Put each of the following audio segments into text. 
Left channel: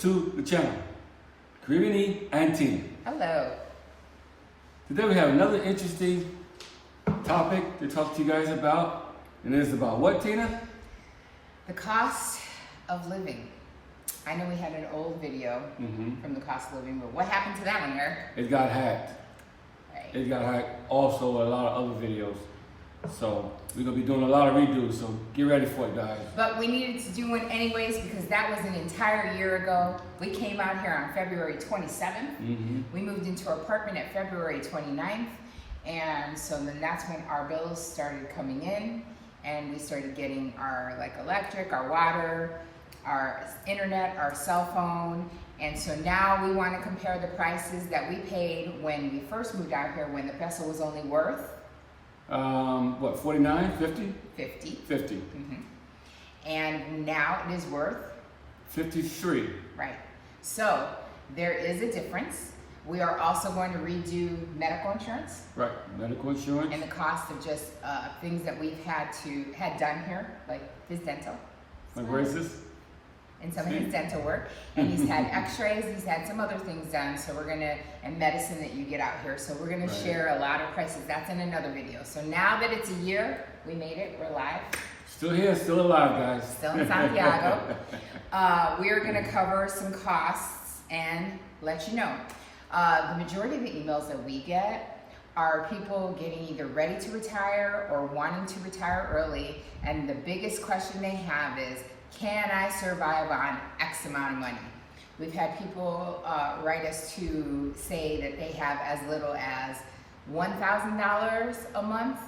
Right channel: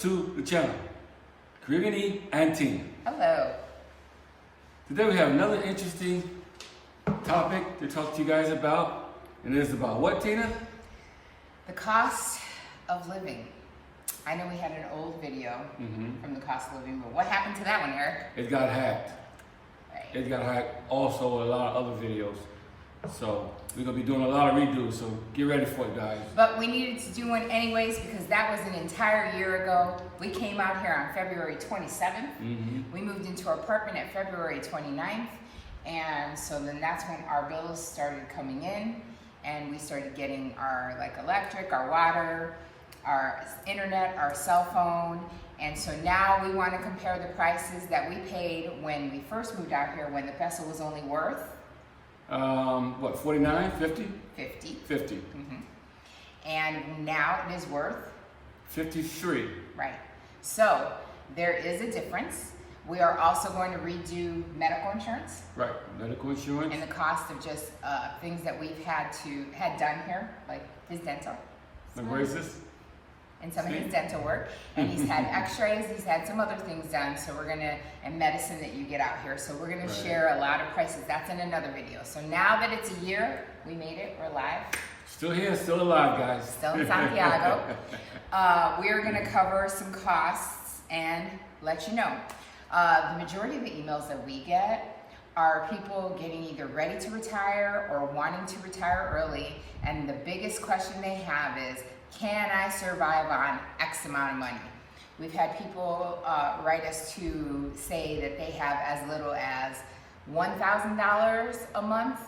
to the channel. Caribbean E and Tina. Hello. Today we have another interesting topic to talk to you guys about. And it's about what, Tina? The cost of living. I know we had an old video from the cost of living, but what happened to that one, Eric? It got hacked. Right. It got hacked. Also, a lot of other videos. So we're gonna be doing a lot of redos. So get ready for it, guys. But we needed to do one anyways because that was an entire year ago. We came out here on February 27th. We moved into our apartment at February 29th. And so then that's when our bills started coming in and we started getting our electric, our water, our internet, our cell phone. And so now we want to compare the prices that we paid when we first moved out here when the peso was only worth what, 49, 50? 50. 50. And now it is worth 53. right. So there is a difference. We are also going to redo medical insurance. Right, medical insurance. And the cost of just things that we've had done here, like his dental. Like, where is this? And some of his dental work. And he's had x-rays, he's had some other things done. So we're gonna, and medicine that you get out here. So we're gonna share a lot of prices. That's in another video. So now that it's a year, we made it, we're live. Still here, still alive, guys. Still in Santiago. We're gonna cover some costs and let you know. The majority of the emails that we get are people getting either ready to retire or wanting to retire early. And the biggest question they have is, can I survive on X amount of money? We've had people write us to say that they have as little as $1,000 a month,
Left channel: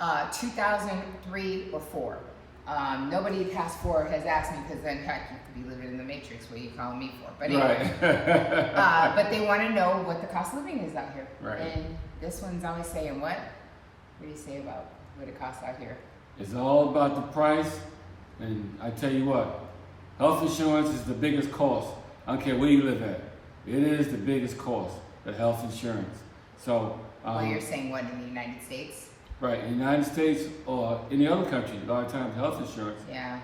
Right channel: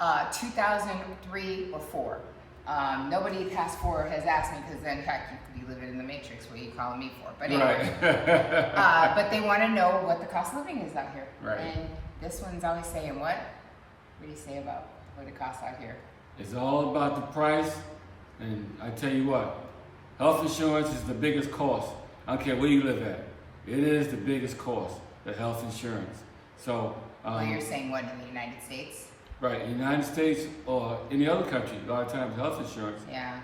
$2,000, $3,000, or $4,000. Nobody past 4 has asked me because in fact you could be living in the matrix. What are you calling me for? But anyway, but they want to know what the cost of living is out here. Right. And this one's always saying what? What do you say about what it costs out here? It's all about the price. And I tell you what, health insurance is the biggest cost. I don't care where you live at. It is the biggest cost, the health insurance. So, Well, you're saying what, in the United States? Right, in the United States or any other country, a lot of times health insurance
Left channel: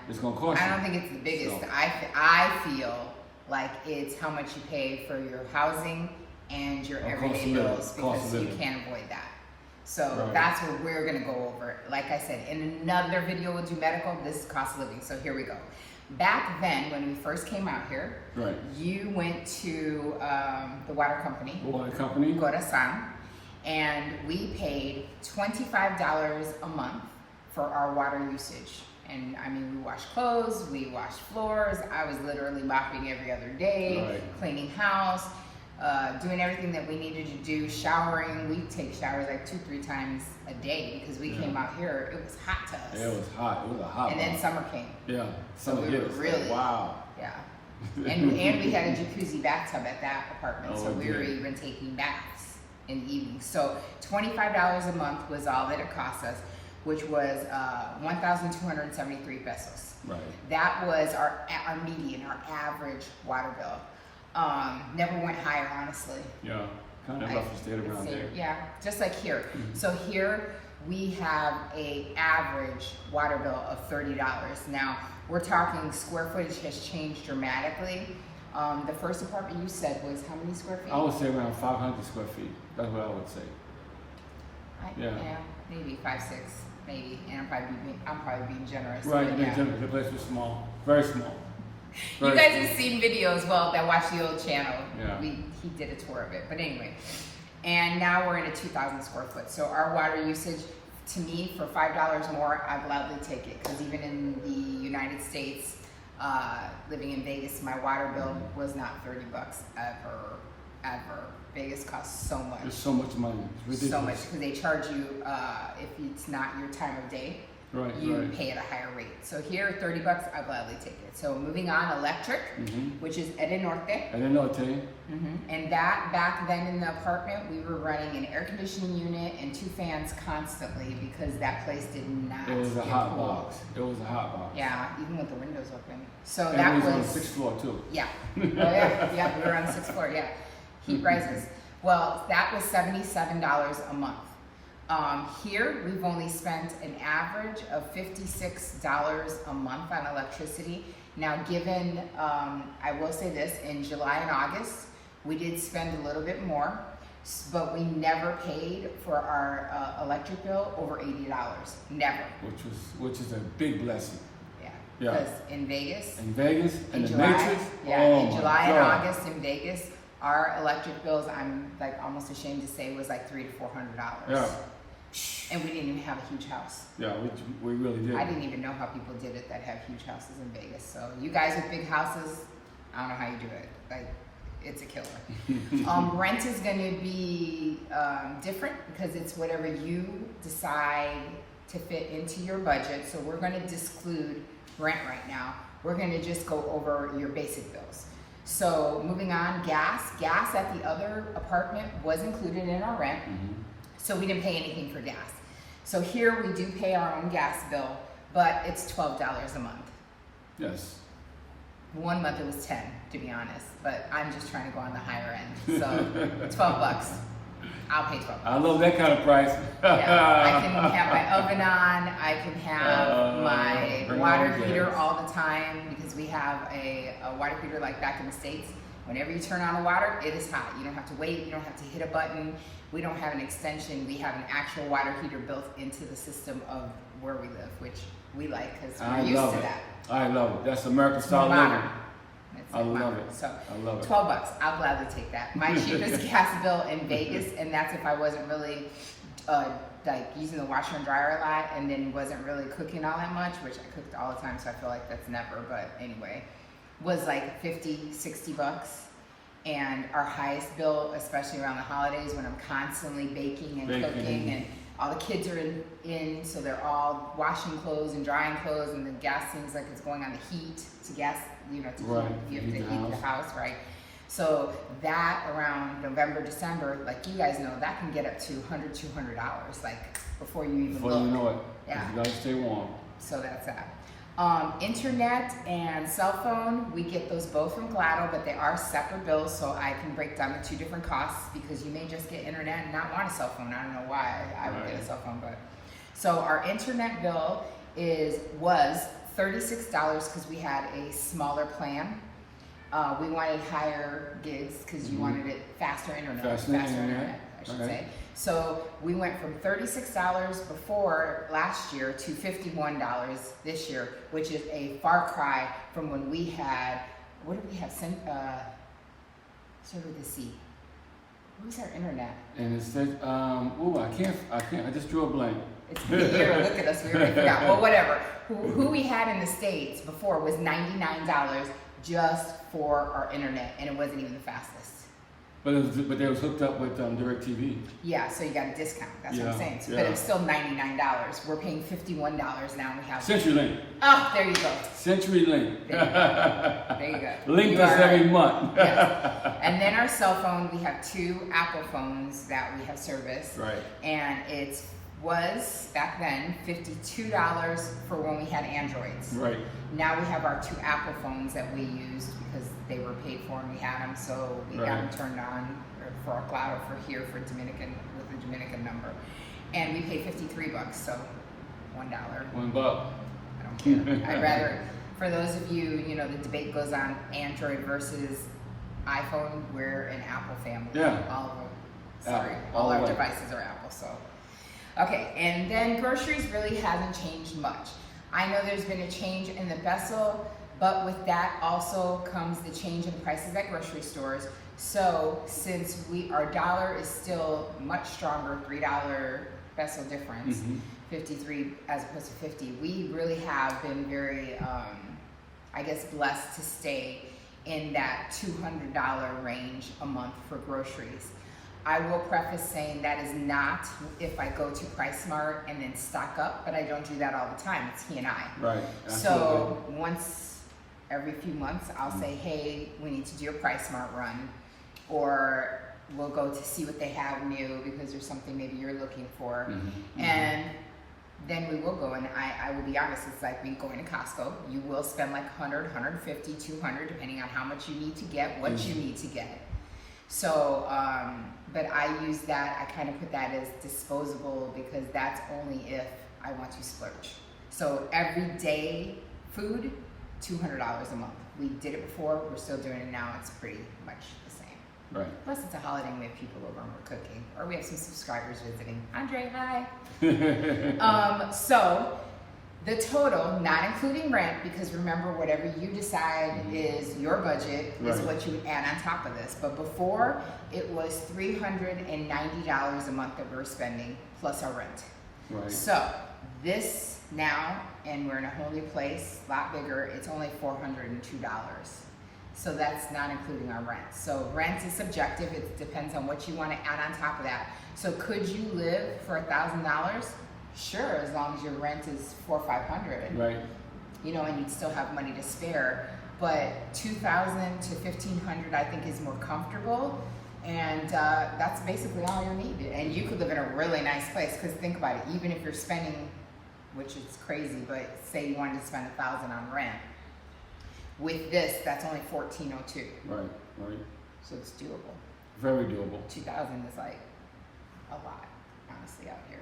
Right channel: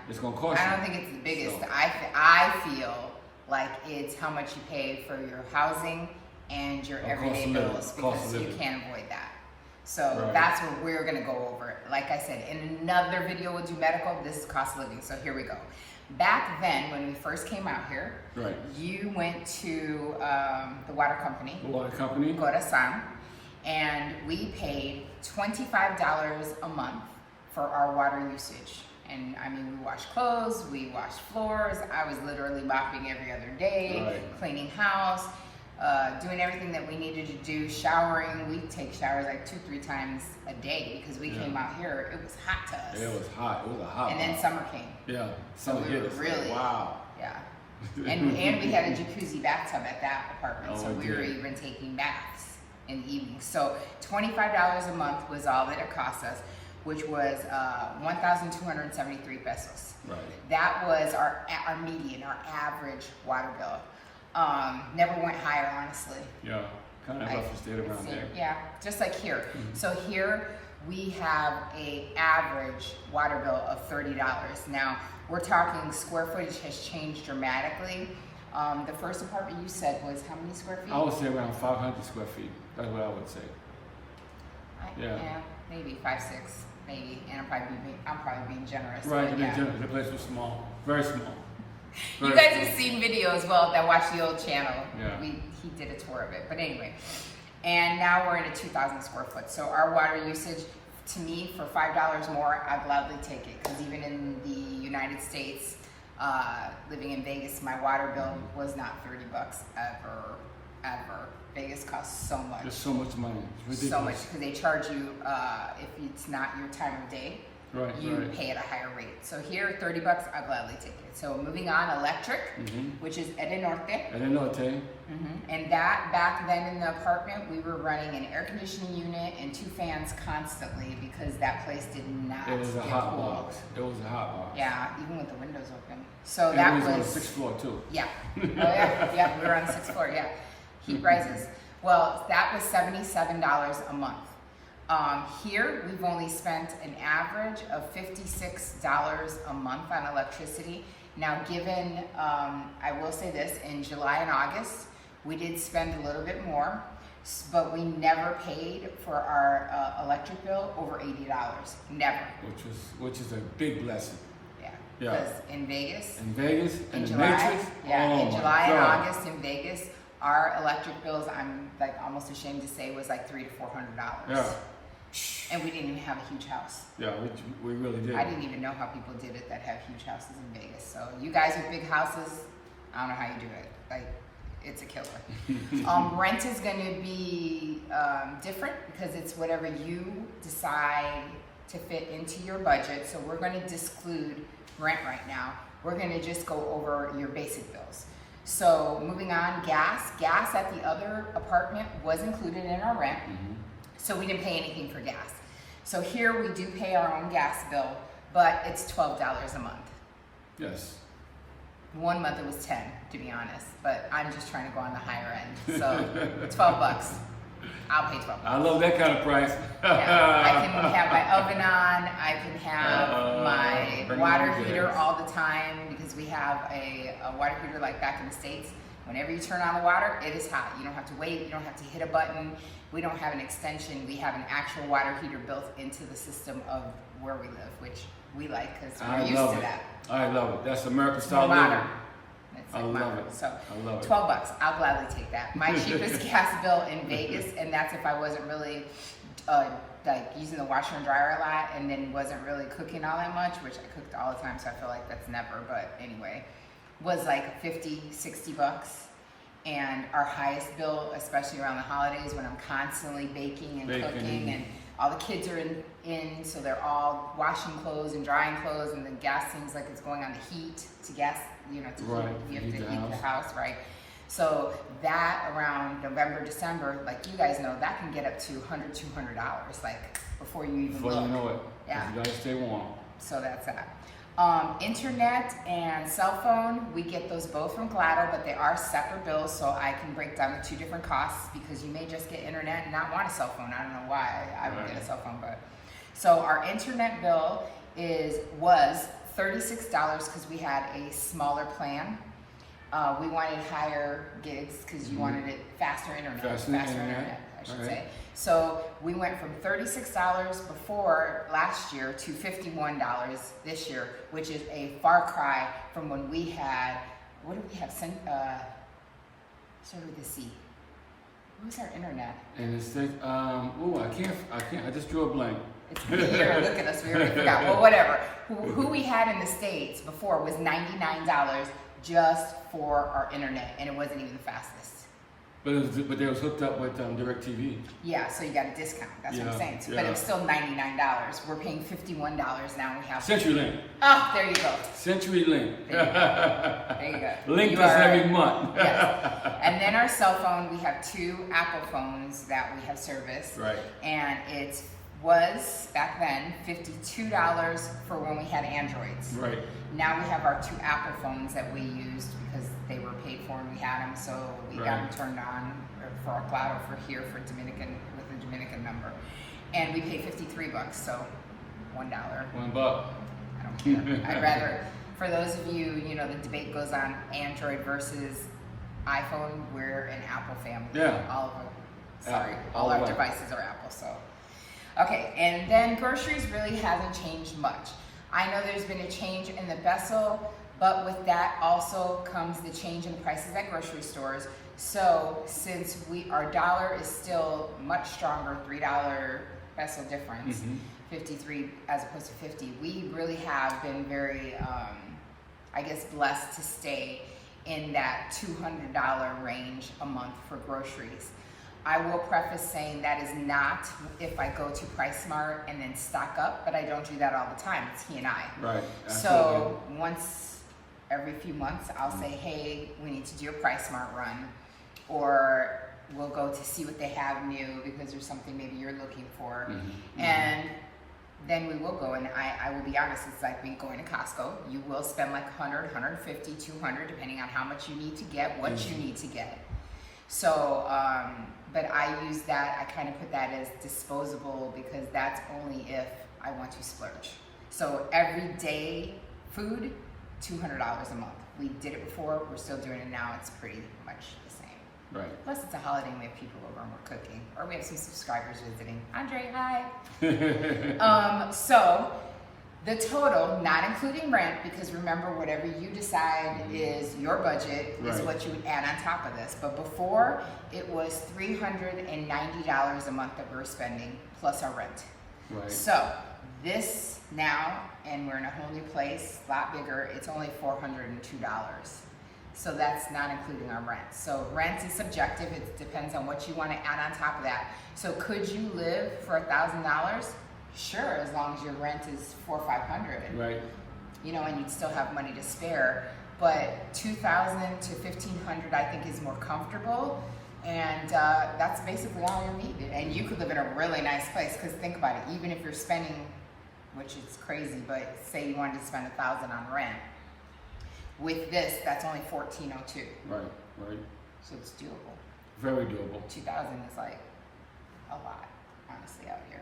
is going to cost you. I don't think it's the biggest. So, I feel like it's how much you pay for your housing and your everyday bills because you can't avoid that. So that's what we're gonna go over. Like I said, in another video we'll do medical, this is cost of living. So here we go. Back then, when we first came out here, you went to the water company. The water company. Corazon, and we paid $25 a month for our water usage. And I mean, we washed clothes, we washed floors. I was literally mopping every other day, cleaning house. Doing everything that we needed to do, showering. We take showers like 2-3 times a day because we came out here, it was hot to us. Yeah, it was hot. It was a hot And then summer came. Yeah, summer hit us. Really, wow. Yeah. And we had a jacuzzi bathtub at that apartment, so we were even taking baths in the evening. So $25 a month was all that it cost us, which was 1,273 pesos. Right. That was our median, our average water bill. Never went higher, honestly. Yeah, kind of roughly stayed around there. Yeah, just like here. So here we have a average water bill of $30. Now, we're talking square footage has changed dramatically. The first apartment you said was how many square feet? I would say around 500 square feet. That's what I would say. Yeah, maybe 5, 6, maybe. And I'm probably being generous. Right, you're being generous. The place was small, very small. You guys have seen videos, that watch the old channel. Yeah. He did a tour of it. But anyway, and now we're in a 2,000 square foot. So our water usage, to me, for $5 more, I'd gladly take it. Because even in the United States, living in Vegas, my water bill was not $30 ever. Vegas costs so much. There's so much money. It's ridiculous. So much, because they charge you, if it's not your time of day, you pay at a higher rate. So here, $30, I'll gladly take it. So moving on, electric, which is Ede Norte. Ede Norte. And that, back then in the apartment, we were running an air conditioning unit and 2 fans constantly because that place did not. It was a hot box. It was a hot box. Yeah, even with the windows open. So and that was on the 6th floor too. Yeah. Oh yeah, we were on the 6th floor. Yeah, heat rises. Well, that was $77 a month. Here, we've only spent an average of $56 a month on electricity, Now, given, I will say this, in July and August, we did spend a little bit more, but we never paid for our electric bill over $80. Never. Which is a big blessing. Yeah. Yeah. Because in Vegas. In Vegas and in the July, Matrix. Yeah, Oh in my July and God. August in Vegas, our electric bills, I'm like almost ashamed to say, was like $300 to $400. Yeah. And we didn't even have a huge house. Yeah, we really did. I didn't even know how people did it that have huge houses in Vegas. So you guys with big houses, I don't know how you do it. Like, it's a killer. Rent is going to be different because it's whatever you decide to fit into your budget. So we're going to disclude rent right now. We're going to just go over your basic bills. So moving on, gas. Gas at the other apartment was included in our rent. So we didn't pay anything for gas. So here we do pay our own gas bill, but it's $12 a month. Yes. One month it was 10, to be honest, but I'm just trying to go on the higher end. So 12 bucks. I'll pay 12 bucks. I love that kind of price. Yeah, I can have my oven on, I can have my bring water on heater gas. all the time because we have a water heater like back in the States. Whenever you turn on the water, it is hot. You don't have to wait, you don't have to hit a button. We don't have an extension, we have an actual water heater built into the system of where we live, which we like because we're used to that. I love it. That's American style More modern. living. It's I love modern. it. So I love it. 12 bucks, I'll gladly take that. My cheapest gas bill in Vegas, and that's if I wasn't really like using the washer and dryer a lot and then wasn't really cooking all that much, which I cooked all the time, so I feel like that's never, but anyway, was like 50, 60 bucks. And our highest bill, especially around the holidays when I'm constantly baking and cooking and all the kids are in, so they're all washing clothes and drying clothes, and the gas seems like it's going on the heat to gas, you know, to Right, heat, you have heat to the heat the house, right? So that around November, December, like you guys know, that can get up to $100, $200, like before you even Before look. you know it. Yeah. You gotta stay warm. So that's that. Internet and cell phone, we get those both from Glado, but they are separate bills, so I can break down the two different costs because you may just get internet and not want a cell phone. I don't know why I would get a cell phone, but so our internet bill was $36 because we had a smaller plan. We wanted higher gigs because you wanted it faster internet. Faster internet, I should say. So we went from $36 before last year to $51 this year, which is a far cry from when we had, what did we have? Start with the C. What was our internet? And it said, I can't, I just drew a blank. It's here, look at us, we already forgot. Well, whatever. Who we had in the States before was $99 just for our internet, and it wasn't even the fastest. But they was hooked up with DirecTV. Yeah, so you got a discount. That's what I'm saying. Yeah. But it's still $99. We're paying $51 now. We have CenturyLink. Oh, there you go. CenturyLink. There you go. Link You us are every right. month. Yes. And then our cell phone, we have 2 Apple phones that we have service. Right. And it was back then $52 for when we had Androids. Right. Now we have our 2 Apple phones that we used because they were paid for and we had them, so we got them turned on for our Glado for here for Dominican with the Dominican number, and we pay $53, so $1. $1. I don't care. I'd rather, for those of you, you know, the debate goes on Android versus iPhone. We're an Apple family. Yeah. All the our way. devices are Apple. So, okay, and then groceries really hasn't changed much. I know there's been a change in the Vessel, but with that also comes the change in prices at grocery stores. So since our dollar is still much stronger, $3 Vessel difference, 53 as opposed to 50, we really have been very, I guess, blessed to stay in that $200 range a month for groceries. I will preface saying that is not if I go to PriceSmart and then stock up, but I don't do that all the time. It's he and I. Right. So once every few months, I'll say, hey, we need to do a PriceSmart run, or we'll go to see what they have new because there's something maybe you're looking for. And then we will go, and I will be honest, it's like me going to Costco. You will spend like 100, 150, 200, depending on how much you need to get, what you need to get. So, but I use that, I kind of put that as disposable because that's only if I want to splurge. So everyday food, $200 a month. We did it before, we're still doing it now, it's pretty much the same. Right. Plus it's a holiday and we have people over and we're cooking, or we have some subscribers visiting. Andre, hi. So the total, not including rent, because remember, whatever you decide is your budget is Right. what you add on top of this. But before, it was $390 a month that we were spending plus our rent. Right. So this now, and we're in a whole new place, a lot bigger, it's only $402. So that's not including our rent. So rent is subjective, it depends on what you want to add on top of that. So could you live for $1,000? Sure, as long as your rent is $400 or $500. Right. You know, and you'd still have money to spare. But $2,000 to $1,500 I think is more comfortable. And that's basically all you need. And you could live in a really nice place, because think about it, even if you're spending, which is crazy, but say you wanted to spend $1,000 on rent, with this, that's only $1,402. Right. Right. So it's doable. Very doable. 2,000 is like a lot, honestly, out here.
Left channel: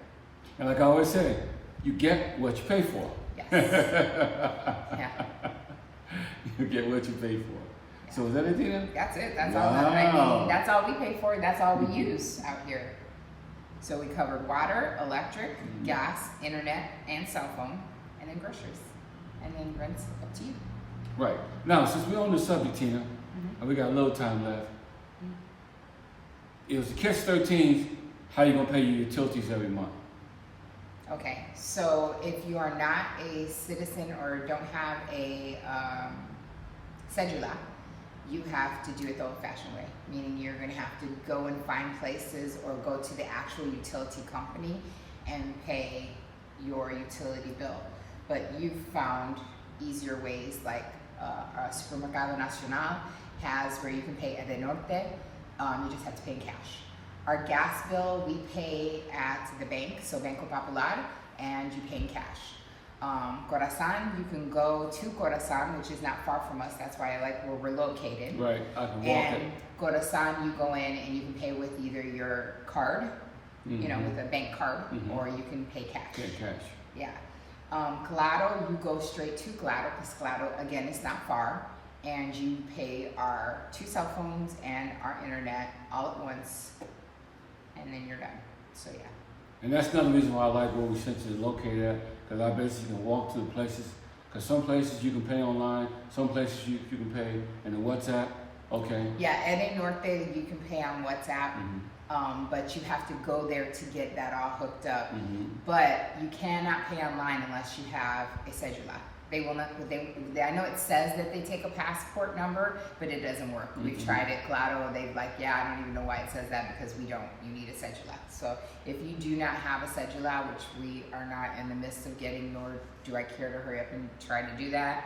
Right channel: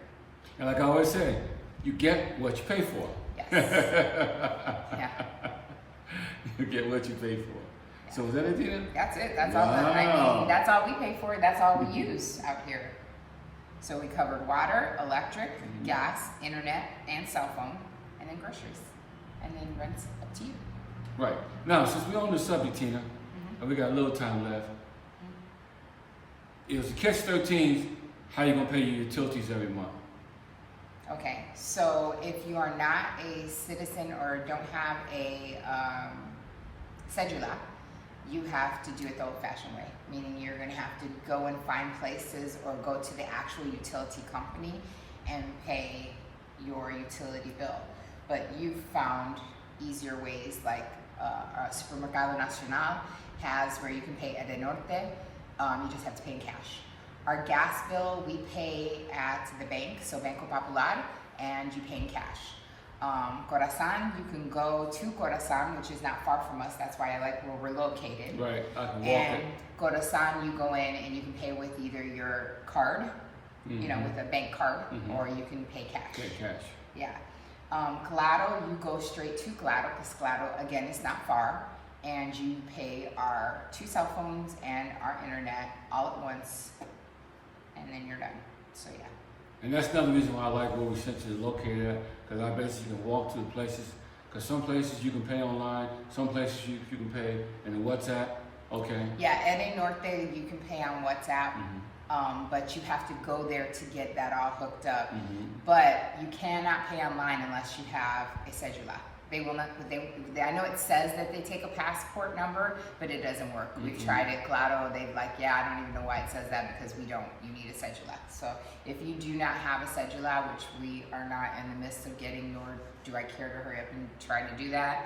And like I always say, you get what you pay for. Yes. Yeah. You get what you pay for. Yeah. So is that it, Tina? That's it. That's all. I mean, that's all we pay for. That's all we use out here. So we covered water, electric, gas, internet, and cell phone, and then groceries, and then rent's up to you. Right. Now, since we're on the subject, Tina, and we got a little time left, it was a catch-13. How you gonna pay your utilities every month? Okay, so if you are not a citizen or don't have a cedula, you have to do it the old-fashioned way, meaning you're going to have to go and find places or go to the actual utility company and pay your utility bill. But you've found easier ways, like Supermercado Nacional has, where you can pay at the Norte. You just have to pay in cash. Our gas bill, we pay at the bank, so Banco Popular, and you pay in cash. Corazon, you can go to Corazon, which is not far from us. That's why I like where we're located. Right, I can walk And it. Corazon, you go in and you can pay with either your card, you know, with a bank card, or you can pay cash. Get cash. Yeah. Claro, you go straight to Claro, because Claro, again, is not far. And you pay our 2 cell phones and our internet all at once, and then you're done. So yeah. And that's another reason why I like where we centrally located at, because I basically can walk to the places. Because some places you can pay online, some places you can pay in the WhatsApp. Okay. Yeah, Ede Norte you can pay on WhatsApp, but you have to go there to get that all hooked up. But you cannot pay online unless you have a cedula. They will not. I know it says that they take a passport number, but it doesn't work. We've tried it. Claro, they've like, yeah, I don't even know why it says that, because we don't. You need a cedula. So if you do not have a cedula, which we are not in the midst of getting, nor do I care to hurry up and try to do that,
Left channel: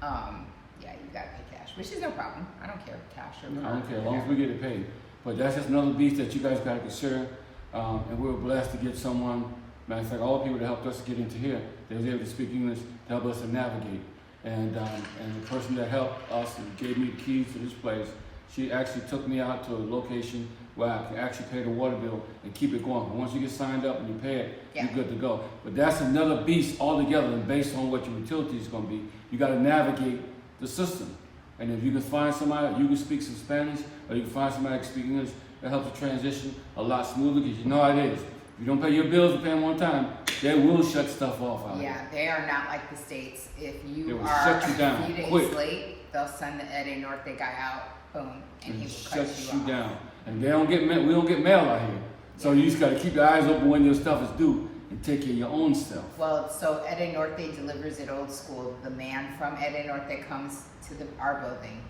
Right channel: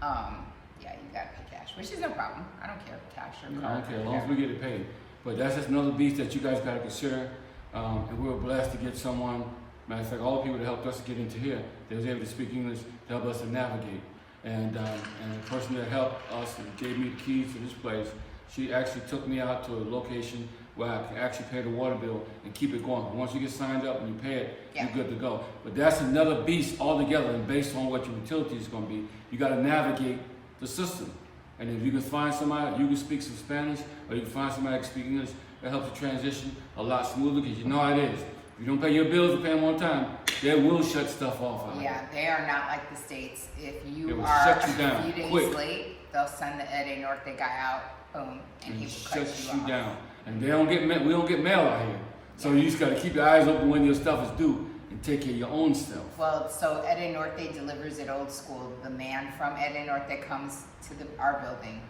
yeah, you gotta pay cash, which is no problem. I don't care, cash or card. I don't care, as long as we get it paid. But that's just another beast that you guys gotta consider. And we're blessed to get someone. Matter of fact, all the people that helped us to get into here, they was able to speak English to help us to navigate. And the person that helped us and gave me the keys to this place, she actually took me out to a location where I can actually pay the water bill and keep it going. But once you get signed up and you pay it, you're good to go. But that's another beast altogether, and based on what your utility is going to be, you got to navigate the system. And if you can find somebody, you can speak some Spanish, or you can find somebody that can speak English, that helps the transition a lot smoother, because you know how it is. If you don't pay your bills and pay them on time, they will shut stuff off out Yeah, they are not like the States. If They you will are shut you a down few days quick. late, they'll send the Ede Norte guy out, boom, and he will shut cut you you off. down. And they don't get we don't get mail out here. So you just got to keep your eyes open when your stuff is due and take care of your own stuff. Well, so Ede Norte delivers it old school. The man from Ede Norte comes to our building,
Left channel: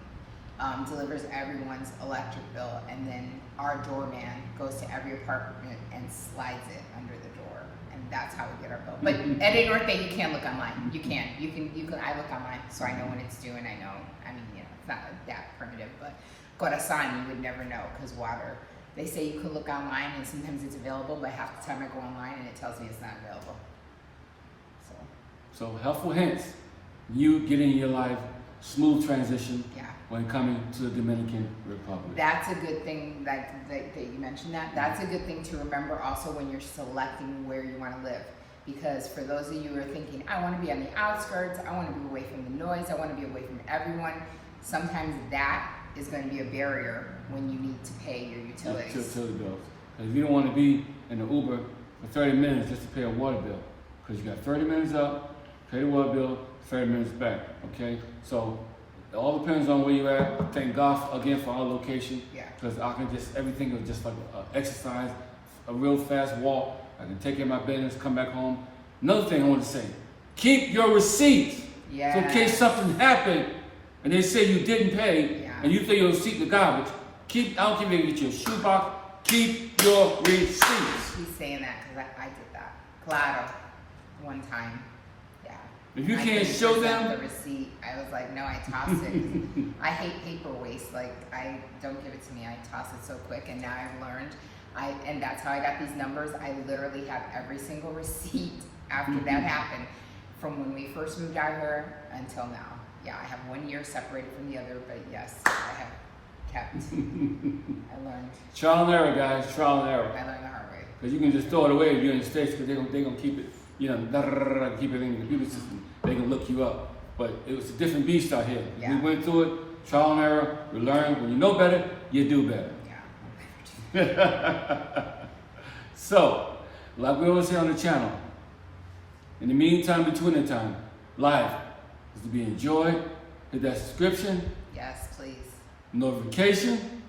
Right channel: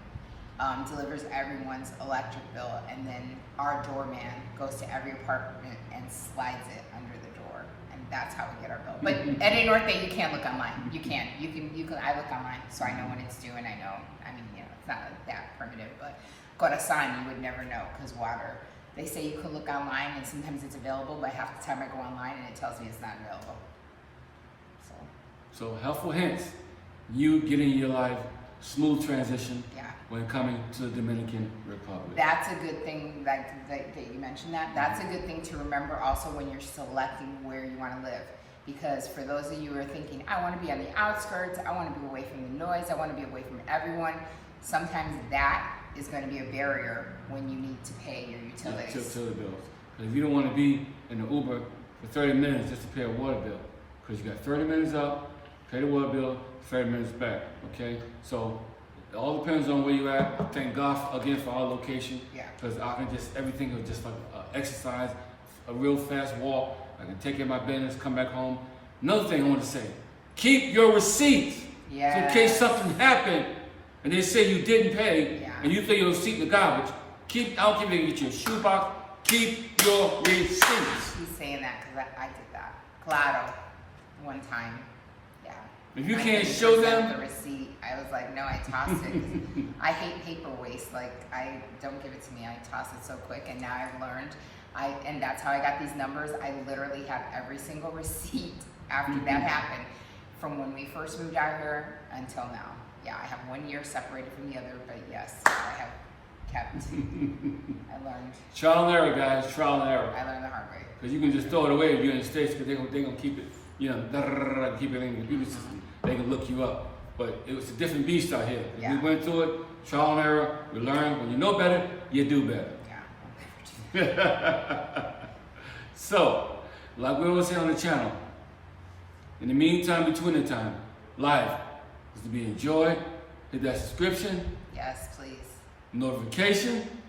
delivers everyone's electric bill, and then our doorman goes to every apartment and slides it under the door, and that's how we get our bill. But Ede Norte, you can't look online. You can. I look online, so I know when it's due, and I know. I mean, you know, it's not like that primitive, but Corazon, you would never know, because water. They say you can look online, and sometimes it's available, but half the time I go online and it tells me it's not available. So helpful hints. You get in your life, smooth transition when coming to the Dominican Republic. That's a good thing that you mentioned that. That's a good thing to remember also when you're selecting where you want to live. Because for those of you who are thinking, I want to be on the outskirts, I want to be away from the noise, I want to be away from everyone, sometimes that is going to be a barrier when you need to pay your utilities. Utility bills. Because if you don't want to be in the Uber for 30 minutes just to pay a water bill, because you got 30 minutes up, pay the water bill, 30 minutes back, okay? So it all depends on where you're at. Thank God again for our location, because I can just, everything is just like exercise, a real fast walk. I can take care of my business, come back home. Another thing I want to say, keep your receipts. So in case something happened and they say you didn't pay and you throw your receipt in the garbage, I don't care if you get your shoebox, keep your receipts. He's saying that because I did that. Claro. One time. Yeah. If you can't show them the receipt, I was like, no, I toss it. I hate paper waste. Like, I don't give it to me. I toss it so quick. And now I've learned. And that's how I got these numbers. I literally have every single receipt after that happened, from when we first moved out here until now. Yeah, I have 1 year separated from the other, but yes, I have kept. I learned. Trial and error, guys. Trial and error. I learned the hard way. Because you can just throw it away if you're in the States, because they're gonna keep it, keep it in the computer system. They can look you up. But it was a different beast out here. We went through it, trial and error. We learned. When you know better, you do better. So, like we always say on the channel, in the meantime, between the time, life is to be enjoyed. Hit that subscription. Yes, please. Notification.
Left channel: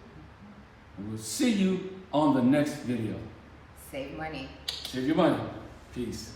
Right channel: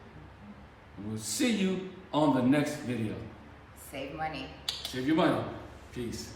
And we'll see you on the next video. Save money. Save your money. Peace.